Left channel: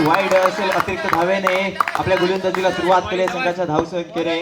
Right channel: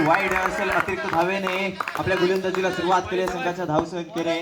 म्हणजे वाईड असेल अतिरिक्त धावेने आपल्या गोलंदाजीला सुरुवात केली संघाच्या धावसंख्येने.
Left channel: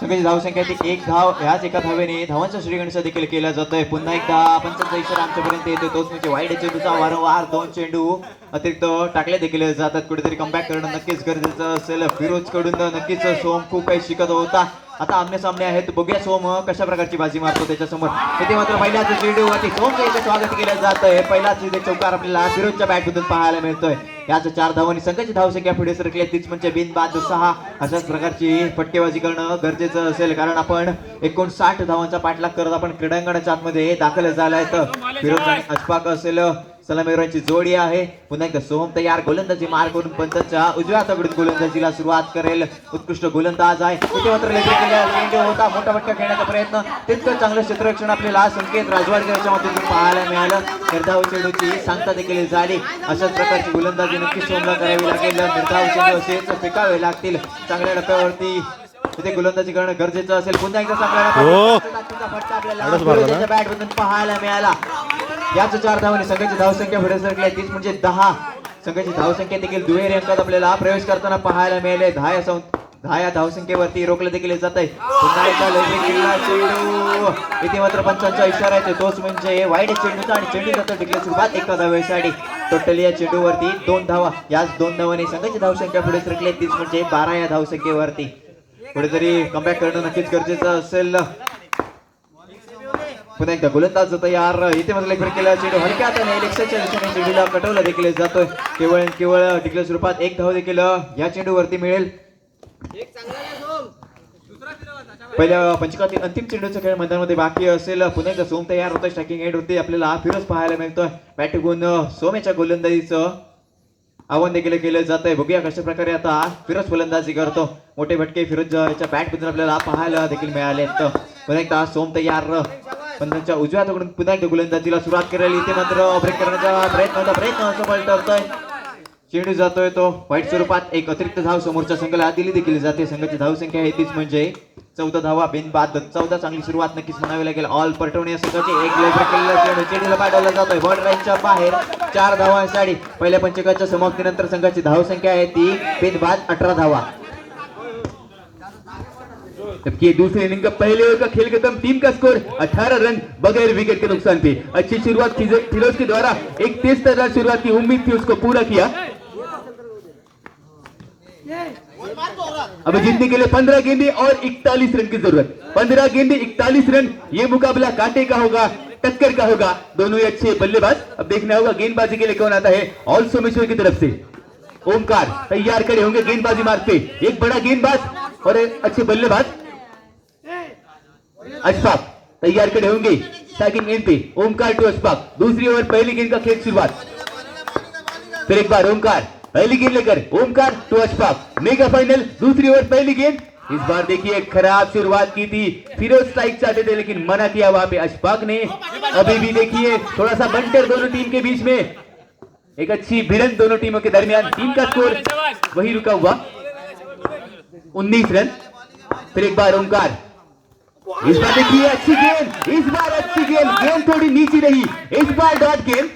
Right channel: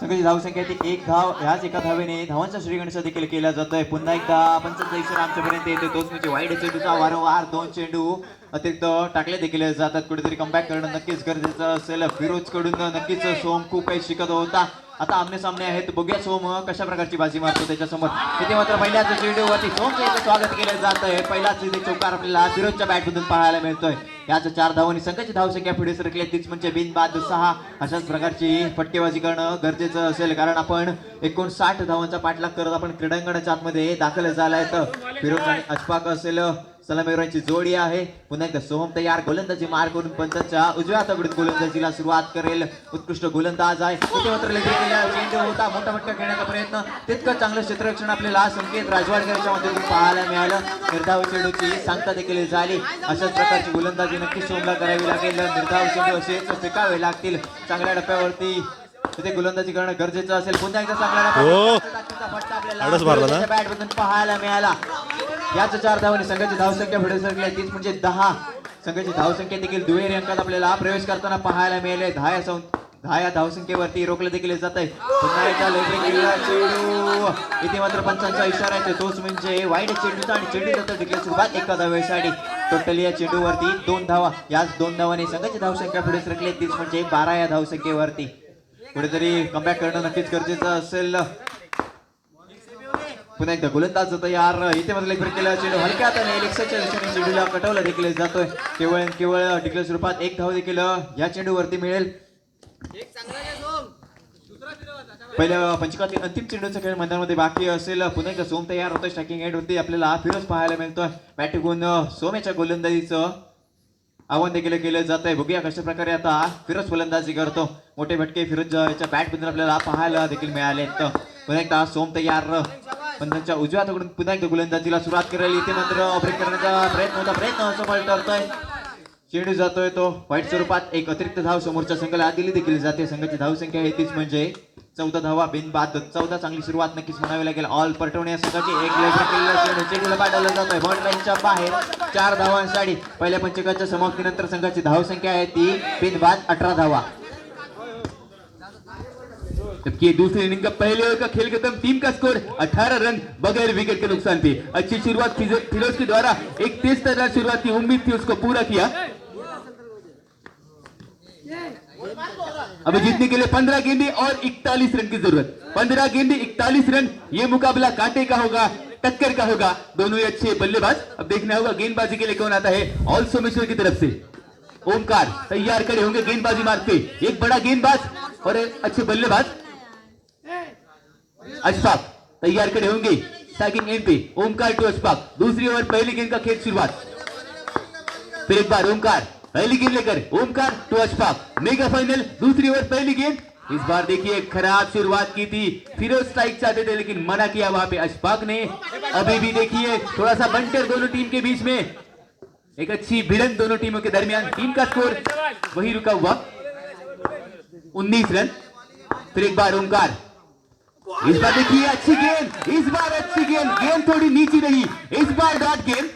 संघाची धावसंख्या ती 1 धाव, ह्याच एका धावेने धावांचा श्रीगणेश देखील केला जातोय. पुन्हा एकदा पंचांचा इशारा आमच्यापर्यंत येतो, तोच म्हणजे वाईड चेंडूचा वारंवार 2 चेंडू अतिरिक्त टाकले देखील जातात. कुठेतरी कमबॅक करणं नक्कीच गरजेचं असेल. फिरोज कडून नक्कीच सोम खूप काही शिकत होता. आता आमने सामने आहेत, बघूया सोम कशा प्रकारची बाजी मारतो त्याच्यासमोर. इथे मात्र पहिल्याच चेंडूवरती सोमचं इथे स्वागत केलं जात आहे. पहिलाच इथे चौकार आपल्याला फिरोजच्या बॅटमधून पाहायला मिळतोय. याच 4 धावांनी संघाची धावसंख्या पुढे सरकली, तीच म्हणजे बिनबाद 6. अशाच प्रकारची फटकेबाजी करणं गरजेचं असेल, कारण आपण 59 धावांचा पाठलाग करत आपण क्रीडांगणाच्या आतमध्ये दाखल झालाय. तर फिरोज आणि अशफाक असेल सलामीवरांची जोडी आहे. पुन्हा एकदा सोम तयार, गोलंदाजी मार करून पंचांच्या उजव्या हाताकडून गोलंदाजीला सुरुवात करेल. उत्कृष्ट गोलंदाज आहे. इथे मात्र लेगरी केलेला चेंडू होता, मोठा फटका खेळण्याचा प्रयत्न, तितकं चांगलं क्षेत्ररक्षण आपल्याला संकेत राजवाडच्या माध्यमातून पाहायला मिळालं. निर्धाव चेंडूची सांगता देखील झाली. अशाच प्रकारची गोलंदाजी नक्की सोमला करावी लागेल. निर्धाव चेंडू असेच फेकावे लागतील. चांगल्या टप्प्यावरती तिथे गोलंदाजी करणं गरजेचं असेल. पुन्हा एकदा फटका आपल्याला बॅटमधून पाहायला मिळाला. याच 4 धावांनी संघाची धावसंख्या पुढे सरकली, तीच म्हणजे 10. संघाची धावसंख्या देखील दुहेरी अंकात आपल्याला प्रवेश करताना पाहायला मिळाले. 10 या धावसंख्येवरती रोखलं देखील जात आहे. पुन्हा एकदा केलेला चेंडू, इथे मात्र पंचांचा इशारा आहे, तोच म्हणजे वाईड चेंडूचा आणि चेंडू जातो देखील सुरुवात एका धावेसाठी. टोटली या चेंडूवरती 2 धावा. याच 2 धावांनी संघाची धावसंख्या पुढे सरकली, तीच म्हणजे 12 या धावसंख्येवरती. कुठेतरी कमबॅक करणं नक्कीच गरजेचं असेल. पुन्हा एकदा गोलंदाज तयार. इथे मध्ये लेग केला चेंडू हलक्या हाताने इलेक्शनच्या दिशेने चेंडूला कटवला देखील जातोय. केवळ टिकल्या स्वरूपात 1 धाव देखील या चेंडूवरती मिळेल. पहिल्या पंचकातील अंतिम चेंडूचा खेळ मैदानामध्ये बाकी असेल. पुन्हा एकदा सोम तयार होतं. स्ट्रायकिंग एंड वरती आपल्याला फिरोज पाहायला मिळतोय. बॅट घेऊन सोमेच्या गोलंदाजीचं आव्हान देखील केलं जात आहे. बघूया कशा प्रकारे आता फिरोज फलंदाजी करतो. मोठे फटके फिरोजच्या बॅट मधून आपल्याला पाहायला देखील मिळाले. पुन्हा एकदा सोम तयार, पंचांच्या उजव्या हाताकडून पुन्हा एकदा गोलंदाजीला सुरुवात करायला. इथे मात्र ब्रेक करण्याचा प्रयत्न सफल ठरतोय. चेंडू जातोय तो वाईट स्वरूपात. एक अतिरिक्त धाव समोरच्या संघाला दिली देखील जाते. संघाची धावसंख्या आहे तीच म्हणजे 14 धावा बिनबाद 14. चांगली सुरुवात नक्कीच म्हणावी लागेल. ऑल परटवणे संघाचे एक लेग केलेला चेंडू चेंडूला पाठवला जातोय बॉर्डर लाईनच्या बाहेर. 4 धावांसाठी पहिल्या पंचकाच्या समाप्तीनंतर संघाची धावसंख्या आहे ती बिनबाद 18 धावा. जबकि दूसरे इनिंग का पहले ओवर का खेल खत्म, टीम का स्कोर 18 रन बगैर विकेट के नुकसान पे. अच्छी शुरुआत फिरोज के द्वारा, एक तेज तर्रार शुरुआत की उम्मीद थी, उसको पूरा किया. अब जीतने के लिए 15 गेंदे और 41 रन की जरूरत. 15 गेंदे 41 रन. ये मुकाबला कांटे का होगा, टक्कर का होगा. दोनों ही अच्छे बल्लेबाज. अब देखना होगा गेंदबाजी के लिए कौन आता है. ऑल सोमेश्वर की तरफ से ओमकार तैयार खड़े होंगे गेंदबाजी मारते. एक बड़ा गेंदबाज और अच्छे बल्लेबाज अशफाक तैयार खड़े होंगे स्ट्राइकिंग एंड पे. ओमकार टू अशफाक. दूसरी ओवर पहली गेंद का खेल शुरुआत. फिर एक बार ओमकार पहली गेंद लेकर Omkar to Ashfaq. Mega final दूसरी ओवर पहली गेंद. इस बार देखिए खराब शुरुआत की थी. फिरोज स्ट्राइक चाहते थे लेकिन मना किया वहां पे अशफाक ने. अभी भी देखिए थोड़ा सा बंटर दोनों टीम के बीच में, एक अच्छी भिड़ंत दोनों टीमों के दरमियान. टीम का स्कोर वही रुका हुआ 19 रन. फिर एक बार ओमकार. इस बार देखिए अच्छी गेंद, इस बार अच्छी गेंद. गेंद थोड़ी नीचे रही. इस बार डॉट गेंद.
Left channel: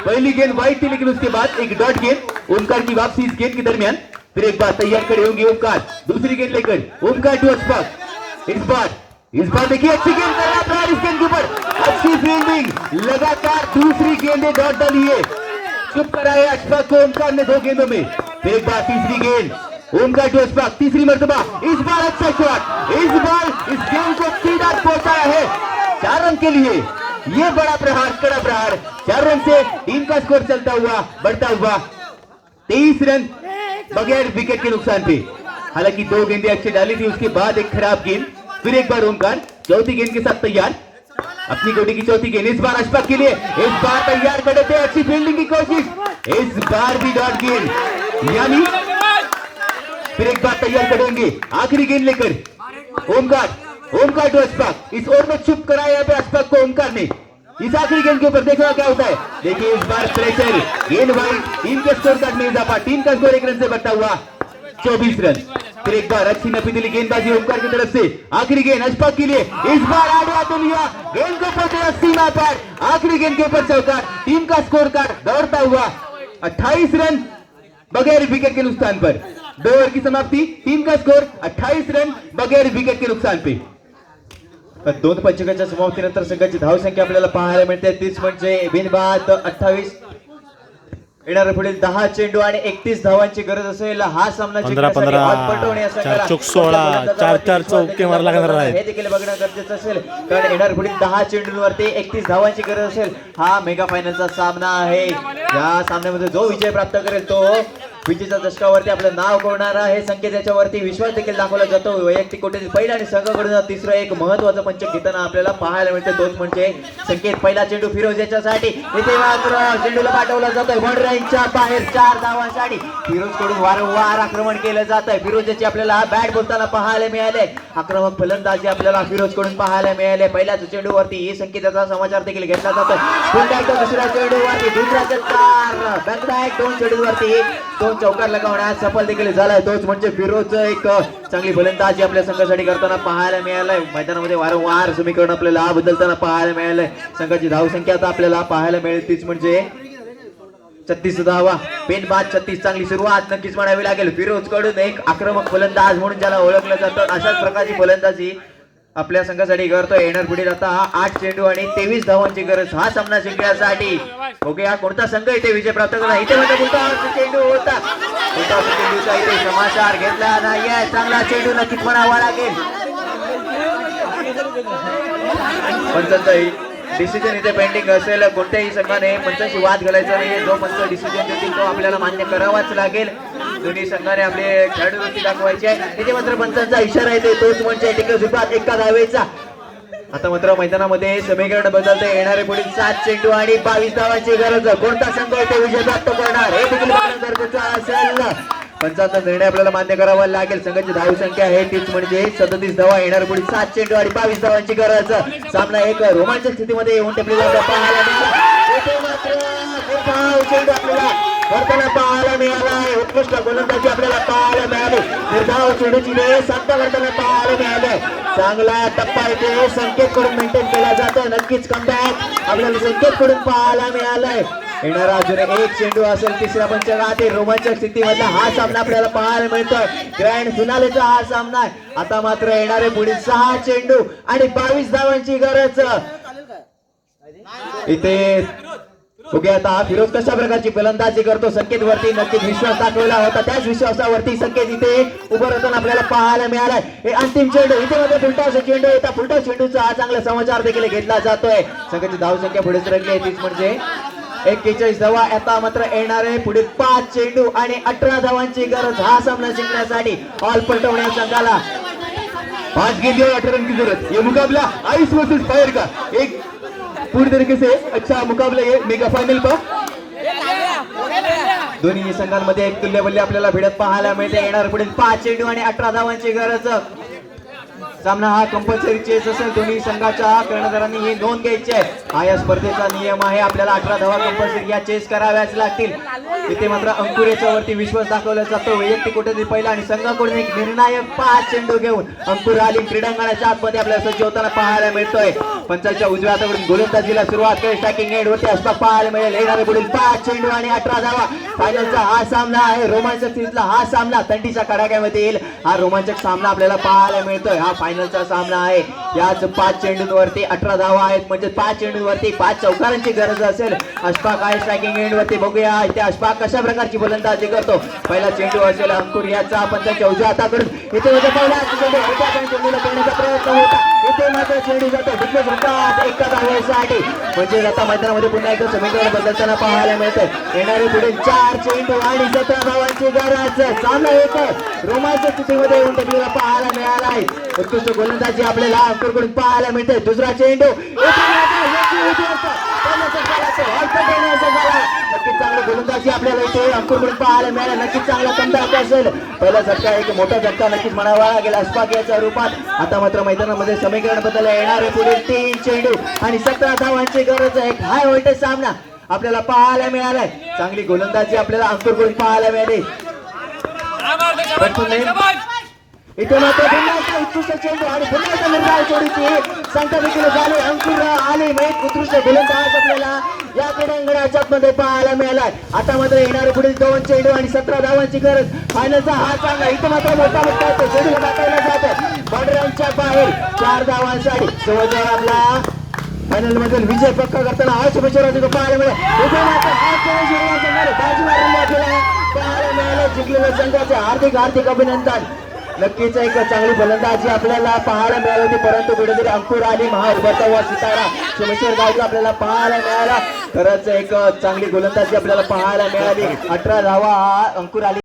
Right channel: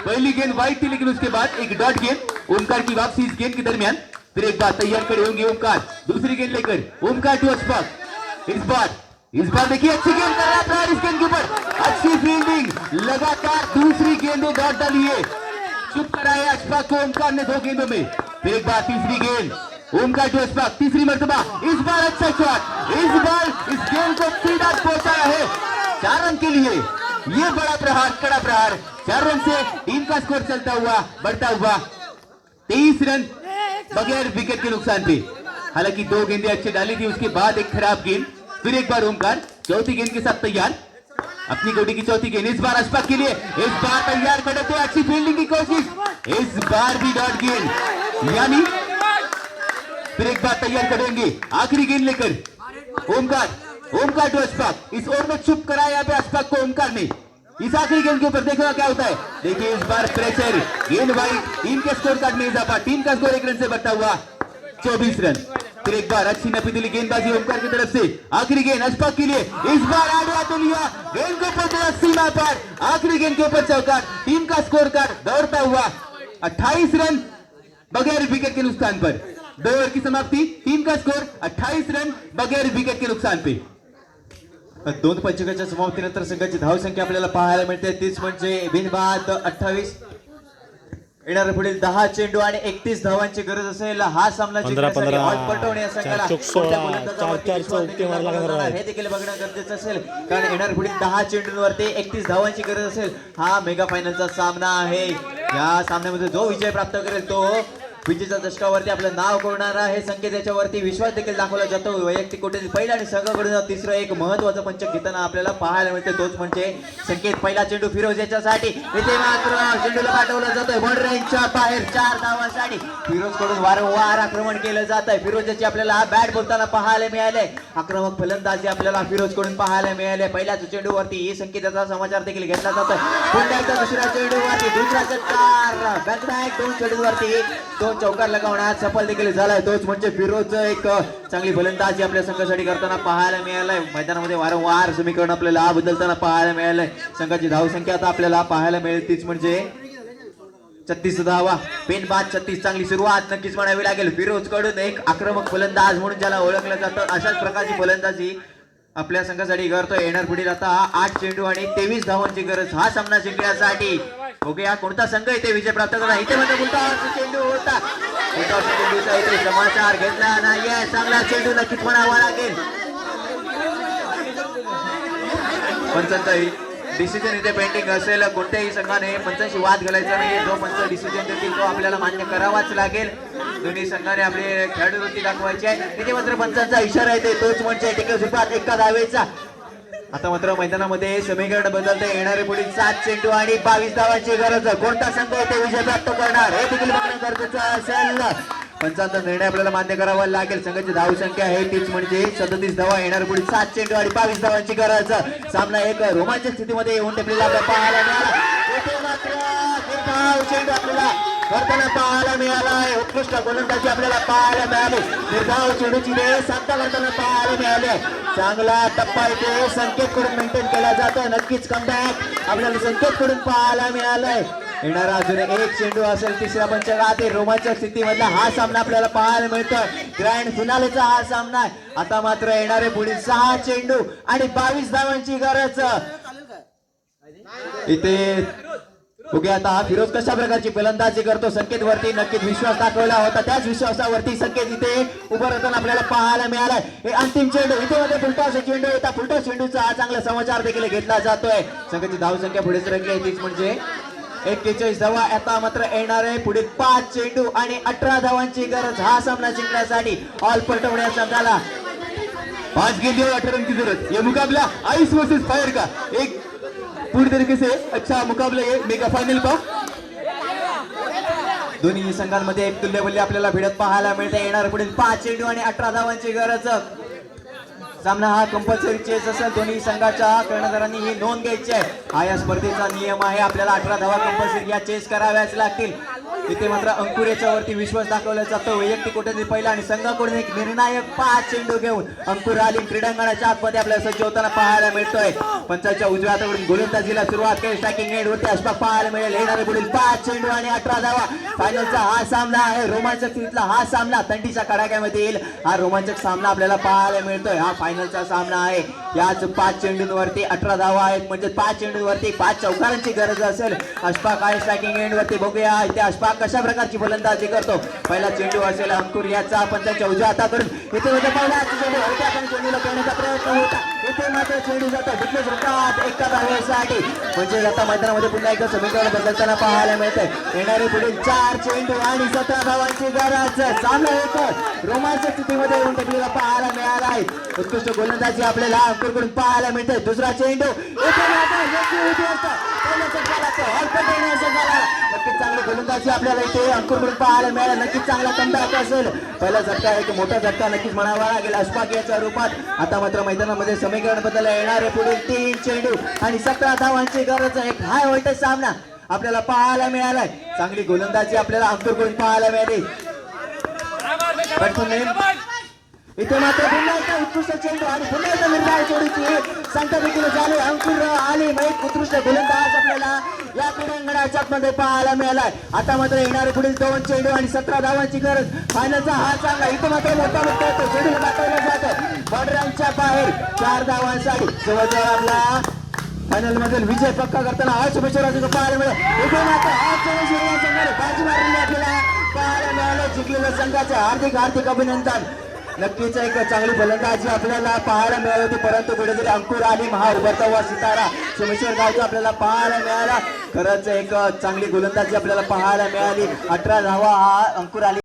पहली गेंद वाइड थी लेकिन उसके बाद एक डॉट गेंद. ओमकार की वापसी इस गेंद के दरमियान. फिर एक बार तैयार खड़े होंगे ओमकार. दूसरी गेंद लेकर ओमकार टू अशफाक. इस बार देखिए अच्छी गेंद करना प्रयास इस गेंद के ऊपर. अच्छी फील्डिंग. लगातार दूसरी गेंदें डॉट डाली है. चुप कराया अशफाक को ओमकार ने 2 गेंदों में. फिर एक बार तीसरी गेंद ओमकार टू अशफाक. तीसरी मर्तबा. इस बार अच्छा शॉट. इस बार इस गेंद को सीधा पहुंचाया है 4 रन के लिए. ये बड़ा प्रहार, कड़ा प्रहार. 4 रन से टीम का स्कोर चलता हुआ बढ़ता हुआ 23 रन बगैर विकेट के नुकसान पे. हालांकि 2 गेंदें अच्छी डाली थी, उसके बाद एक खराब गेंद. फिर एक बार ओमकार चौथी गेंद के साथ तैयार. अपनी गोटी की चौथी गेंद इस बार अशफाक के लिए. इस बार तैयार खड़े थे. अच्छी फील्डिंग की कोशिश. इस बार भी डॉट गेंद. यानी फिर एक बार तैयार करेंगे आखिरी गेंद लेकर ओमकार टू अशफाक. इस ओवर में चुप कराया यहाँ पे अशफाक को ओमकार ने. इस आखिरी गेंद के ऊपर देखना क्या होता है. देखिए इस बार प्रेशर. गेंद वाइड. टीम के स्कोर कार्ड में इजाफा. टीम का स्कोर 1 रन से बढ़ता हुआ 24 रन. फिर एक बार अच्छी नपी दिली गेंदबाजी ओमकार की तरफ से. आखिरी गेंद अशफाक के लिए. इस बार आगे आते लिया. गेंद को पहुंचे सीमा पर. आखिरी गेंद के ऊपर चौका. टीम का स्कोर कार्ड दौड़ता हुआ 28 रन बगैर विकेट के नुकसान पर। 2 ओवर की समाप्ति, टीम का स्कोर 28 रन बगैर विकेट के नुकसान पे। 2 पंचकाच्या समाप्तीनंतर संघाची धावसंख्या आपल्याला पाहायला मिळते तीच म्हणजे बिनबाद 28. येणारे पुढील 10 चेंडू आणि 31 धावांची गरज असेल हा सामना 15-15, बॉल पटवणे या संघाला. 4 चौक 16, 4 चौके मारला लागणार आहे. हे देखील बघणं गरजेचं असेल कारण येणारे पुढील 10 चेंडूंवरती 31 धावांची गरज असेल. हा मेगा फायनलचा सामना आहे. या सामन्यामध्ये जो विजय प्राप्त करेल तो विजेच्या दशकावरती आपलं नाव कोरणार आहे. संकेत याच्यावरती विश्वास देखील दाखवला जातो. वैयक्तिक कोटीने पहिला आणि संघाकडून तिसरं एक महत्वाचं पंचक घेताना आपल्याला पाहायला मिळते तोच म्हणजे संकेत. पहिला चेंडू फिरोज याच्यासाठी इथे मात्र चेंडूला पाठवला जातोय वन रेंजच्या बाहेर 4 धावांसाठी. फिरोज कडून वारंवार आक्रमण केलं जात आहे. फिरोज याची आपल्याला बॅट बोलताना पाहायला मिळाले. आक्रमक फलंदाजी आपल्याला फिरोज कडून पाहायला मिळाले. पहिल्याच चेंडूवरती ही संकेताचा समाचार देखील घेतला जातोय. पुन्हा एकदा दुसऱ्या चेंडूवरती दुसरा चटकार बॅक 2 चेंडूवरती 2 चौकार लगावण्यात सफल देखील झालाय. तोच म्हणजे फिरोज एक चांगली फलंदाजी आपल्या संघासाठी करताना पाहायला मिळालंय. मैदानामध्ये वारंवार समीकरण आपल्याला बदलताना पाहायला मिळालंय. संघाची धावसंख्या आता आपल्याला पाहायला मिळेल तीच म्हणजे 36 धावा. बिनबाद 36. चांगली सुरुवात नक्कीच म्हणावी लागेल फिरोज कडून. एक आक्रमक फलंदाज म्हणून ज्याला ओळखलं जातं अशाच प्रकारची फलंदाजी आपल्या संघासाठी करतोय. येणार पुढील आता 8 चेंडू आणि 23 धावांची गरज हा सामना जिंकण्यासाठी. बघूया कोणता संघ इथे विजय प्राप्त करणार. इथे म्हणजे चेंडू होता. चेंडूचा इथे समाचार घेतला नाहीये. चांगला चेंडू नक्कीच म्हणावा लागेल. डिसिजन इथे पेंडिंग असेल. कोणत्याही संघाने पंचांशी वाद घालायचा नाहीये. जो पंच डिसिजन देतील तो आपल्याला मान्य करावाच लागेल. दोन्ही संघाने आपले खेळाडू वृत्ती दाखवायची आहे. तिथे मात्र पंचांचा इशारा येते तोच म्हणजे टिकट सुरुवात 1 धावेचा. आता मात्र मैदानामध्ये समीकरण बदलते. येणारे पुढील 7 चेंडू आणि 22 धावांची गरज. कोणता संघ इथे विजय प्राप्त करणार हे देखील बघणं गरजेचं असेल. पंचांचा निर्णय आपल्याला मान्य करावा लागेल. संघाची धावसंख्या आहे तीच म्हणजे 37 धावा. येणार पुढील 7 चेंडू आणि 22 धावांची गरज. सामना एक रोमांचक स्थितीमध्ये येऊन टेपलेला पाहायला मिळाला. इथे मात्र चेंडू आपल्याला करताना पाहायला मिळाला आहे. उत्कृष्ट गोलंदाजी आपल्याला पाहायला मिळाली. निर्धाव चेंडूची वेळ साध्य करताना पाहायला मिळाले. चांगला टप्पा इथे संकेत कडून मेंटेन केला जातो. नक्कीच कमबॅक आपल्याला संकेत कडून पाहायला मिळालाय. येणारा अजून 1 चेंडू असेल तिसऱ्या पंचकातील रोमांचक स्थितीमधला हा सामना आपल्याला पाहायला मिळतोय. ग्रँड फिनालेचा हा सामना आहे. आता मात्र येणारे पुढील 6 चेंडू आणि 22 धावांची गरज. इथे बघूया आता हा फिरोज कशा प्रकारची फलंदाजी करतो. संकेत वरती नक्कीच विश्वास दाखवला होता. त्याच विश्वासावरती संकेत इथे उभं राहताना आपल्याला पाहायला मिळालाय. हे अंतिम चेंडू इथे मध्ये फुलटा चेंडू येतात. फुलटा चेंडूचा हा चांगला समाचार देखील घेतला जातोय. संघाची धावसंख्या पुढे सरकली आहे तीच म्हणजे 41 धावा. आता मात्र येणारे पुढे 5 चेंडू आणि 18 धावांची गरज हा सामना जिंकण्यासाठी. ऑल पलटवण्या संघाला 5 गेंदे 18 रन की जरूरत. ये मुकाबला आइस वर्सेस फायर का एक पूरी तरीके से अच्छा मुकाबला है मेगा फाइनल का. दोन्ही संघांमध्ये एक तुल्यबल्ली आपल्याला भिडत पाहायला मिळते. येणार पुढे 5 चेंडू आणि 18 धावांची गरज. सामना हा कंपल्सरी चेस असेल. दोन्ही संघाच्या कर्णधारांनी ही नोंद घ्यायची आहे. हा या स्पर्धेचा नियम आहे. आपल्याला 18 धावा कंपल्सरी या चेस कराव्याच लागतील. इथे मात्र अंकुर याच्यावरती विश्वास दाखवला जातो. वैयक्तिक कोटीने पहिला आणि संघाकडून एक निर्णायक 5 चेंडू घेऊन अंकुर आलीम क्रीडांगणाच्या आतमध्ये आपल्याला सज्ज होताना पाहायला मिळतोय. पंचांच्या उजव्या हाताकडून गोलंदाजीला सुरुवात करेल. स्ट्रायकिंग एंड वरती अशफाक पाहायला मिळेल. येणारे पुढील 5 चेंडू आणि 18 धावा. फायनलचा हा सामना आहे. रोमांचक स्थितीतला हा सामना थंडीच्या कडाक्यामध्ये येईल. हा रोमांचक सामना आपल्याला पाहायला मिळतोय. हा फायनलचा सामना आहे. याच 5 चेंडूंवरती 18 धावा आहेत म्हणजे 5 चेंडूंवरती 5 चौकारांची गरज असेल. अशफाक आहे स्ट्रायकिंग एंड वरती. बघूया इथे अशफाक कशा प्रकारची फलंदाजी करतो. पहिला चेंडू असेल अंकुर याचा पंचांच्या उजव्या हाताकडून. इथे म्हणजे पहिला चेंडू होता पण चेंडूला करण्याचा प्रयत्न होता. इथे मात्र चेंडू जातो डिफ्लेक्ट होतात 1 धावेसाठी. म्हणजे आता मैदानामध्ये पुन्हा एकदा समीकरण बदलताना पाहायला मिळतंय. येणारे पुढे 4 चेंडू आणि 17 धावांची गरज. सामना एक रोमांचक स्थितीमध्ये येऊन टेपलेला पाहायला मिळाला आहे. उत्कृष्ट गोलंदाजी आपल्याला अंकुरकडून पाहायला मिळते. दुसरा चेंडू नक्कीच चांगली गोलंदाजी आपल्याला इथे अंकुरकडून पाहायला मिळाला. नक्कीच चांगला कमबॅक असेल. पहिला झटका एक मोठा झटका नक्कीच म्हणावा लागेल अशफाक याच्या रूपात. आता मात्र मैदानामध्ये समीकरण बदलले. येणारे पुढे 3 चेंडू आणि 17 धावांची गरज. एक हाय व्होल्टेज सामना आपल्याला पाहायला मिळालाय. चांगली गोलंदाजी आपल्याला अंकुरकडून पाहायला मिळाली. इथे मात्र पुन्हा एकदा उत्कृष्ट चेंडू आणि पुन्हा एकदा निर्धाव जोडीची संख्या देखील झाली. अंकुर आले एक उत्कृष्ट गोलंदाज आपल्याला या क्रीडांगणाच्या मध्ये पाहायला मिळालाय. आता मात्र येणारे पुढील 2 चेंडू आणि 17 धावांची गरज. फायनलचा हा चांगला इथे मात्र मोठा मुद्दा येतो. चेंडूला दाखवला जातं बाउंड्रीच्या बाहेर 4 धावांसाठी जवळजवळ आपला फायनल मधील विजय पक्का करताना हा शुभेच्छा पाहायला मिळेल. इथे मात्र हा चेंडू संघाने बाजी मारलेली आपल्याला पाहायला मिळालं. जिंकलेल्या संघाचे हार्दिक हार्दिक अभिनंदन. नक्कीच एक चांगली फलंदाजी आपल्याला पाहायला मिळाली होती, परंतु कुठेतरी अंकुर आली महा उभरता व सितारा सोमेश्वर गावची आपल्याला पाहायला मिळाला. खरंच एक चांगली गोलंदाजी आपल्याला पाहायला मिळाली. 18 धावा अंकुर आली